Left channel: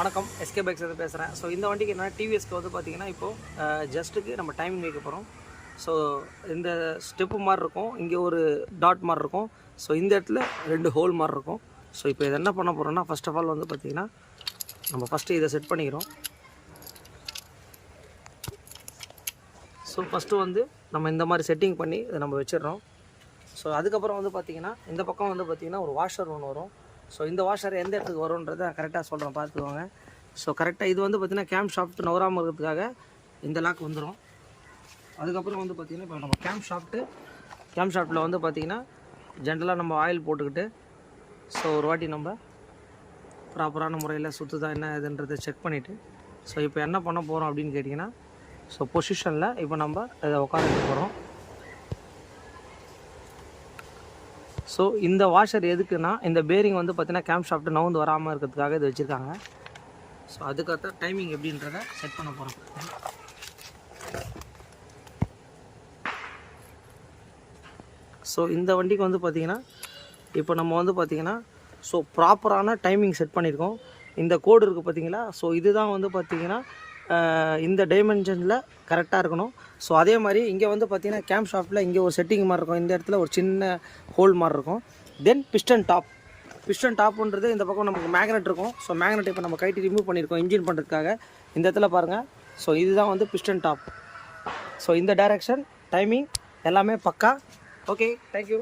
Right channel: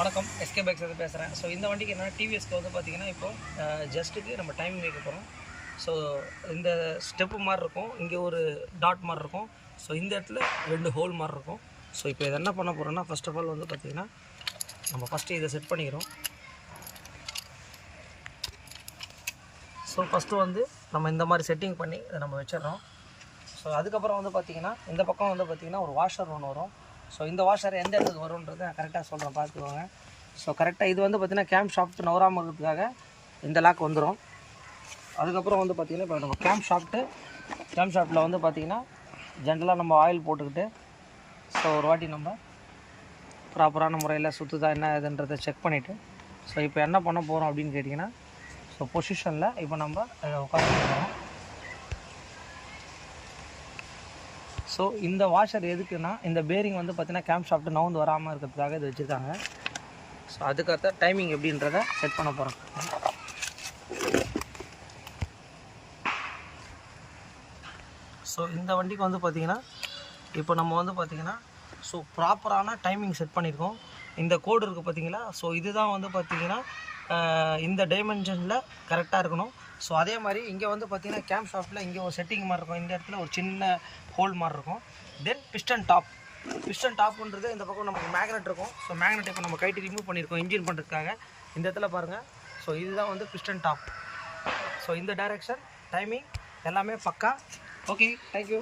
வணக்கம், SK bikes வந்து பேசுகிறேன். ஸோ இந்த வண்டிக்கு என்னென்னா டிவிஎஸ்க்கு வந்து பார்த்திங்கன்னா இப்போது ஜஸ்ட்டுக்கு நம்ம டைமிங் வைக்க போகிறோம். ஸோ இந்த ஸ்டெப்பு மாதிரி இருக்கும், இங்கே ஒரு டாட் மாதிரி இருக்கும். ஸோ இந்த இடத்துல 2 ஹோல் மாதிரி இருக்கும். ஸோ இப்போ இதை என்ன பண்ண போகிறோம்னா, ஃபஸ்ட் ஆஃப் ஆல் வந்து பார்த்திங்கன்னா நம்ம ஃபஸ்ட்டு இதை செட் பண்ணிக்கிறோம். ஸோ ஃபஸ்ட்டு வந்து நம்ம இந்த மாதிரி செட்டிங் பண்ணி இதை நம்ம வச்சிடறோம். ஸோ அதுக்கப்புறம் வந்து பார்த்திங்கன்னா இந்த பக்கம் வந்து பார்த்திங்கன்னா ஒரு வாஷர் ஒன்று வரும். ஸோ இந்த வாஷர் எந்த இடத்துக்கு வரும்ன்றதை கரெக்டாக சொல்கிறேன், பார்த்துக்கோங்க. ஸோ கரெக்டாக இது வந்து பார்த்திங்கன்னா கேம் ஷாஃப்ட் நவராமல் இருக்கிறதுக்காக இந்த லாக் வந்துடும். அதுக்கப்புறம் வந்து பார்த்திங்கன்னா இப்போ நம்ம கேம் ஷாஃப்ட்டில் வந்து பார்த்திங்கன்னா ஜென்ரலாக நம்ம ஆயில் போட்டுக்கிட்டு ஸோ ஒரு வாட்டி நம்ம ப்ராப்பரான முறையில் சுற்றுதா என்ன இதுன்றதை செக் பண்ணிவிட்டு ஸோ இப்போ என்ன பண்ண போகிறோம் அப்படின்னு கேட்டிங்கன்னா, ஸோ பொசிஷனில் இப்போ நம்ம உட்கார போகிறோம். ஸோ இந்த வாஷர் எதுக்குன்னா, இந்த பேரிங் வந்து பார்த்திங்கன்னா கேம் ஷாஃப்ட்டு நவுந்து வராமல் இருக்கிறதுக்காக இது வச்சுருக்காங்க. ஸோ அதுக்கடுத்த டைமிங் எப்படின்றத செட் பண்ண போகிறோம். ஸோ இந்த வண்டிக்கு வந்து பார்த்திங்கன்னா இப்போ நம்ம வந்து பார்த்திங்கன்னா ஸோ ப்ராப்பரான டைமிங் செட் பண்ணியிருக்கோம். இந்த கோடு இருக்குது பார்த்திங்களா, ஸோ இதுதான் வந்து பார்த்திங்கன்னா இந்த டைமென்ஷனில் கரெக்டாக இருக்கணும். ஸோ அதே மாதிரி இங்கே வந்து பார்த்திங்கன்னா கேம் ஷாஃப்ட்டில் இங்கே ஒரு செட்டிங் மாதிரி இருக்கும், இந்த இடத்துல ஒரு சின்ன ஹோல் மாதிரி இருக்கும். தென் பிஸ்டன் டாப்ன்றது இந்த பக்கம் நமக்கு மேக்னெட் இருக்கும். ஸோ மேக்னெட் இப்போ நம்ம கைட்டு ரிமூவ் பண்ணியிருக்கோம் இன்ஜின் பண்ணுறதுக்காக. இந்த இடத்துல பாருங்கள், ஸோ இதுதான் வந்து பிஸ்டன் டாப். ஸோ இந்த டைரெக்ஷன் டைமிங் எல்லாமே பக்கா. Okay, thank you.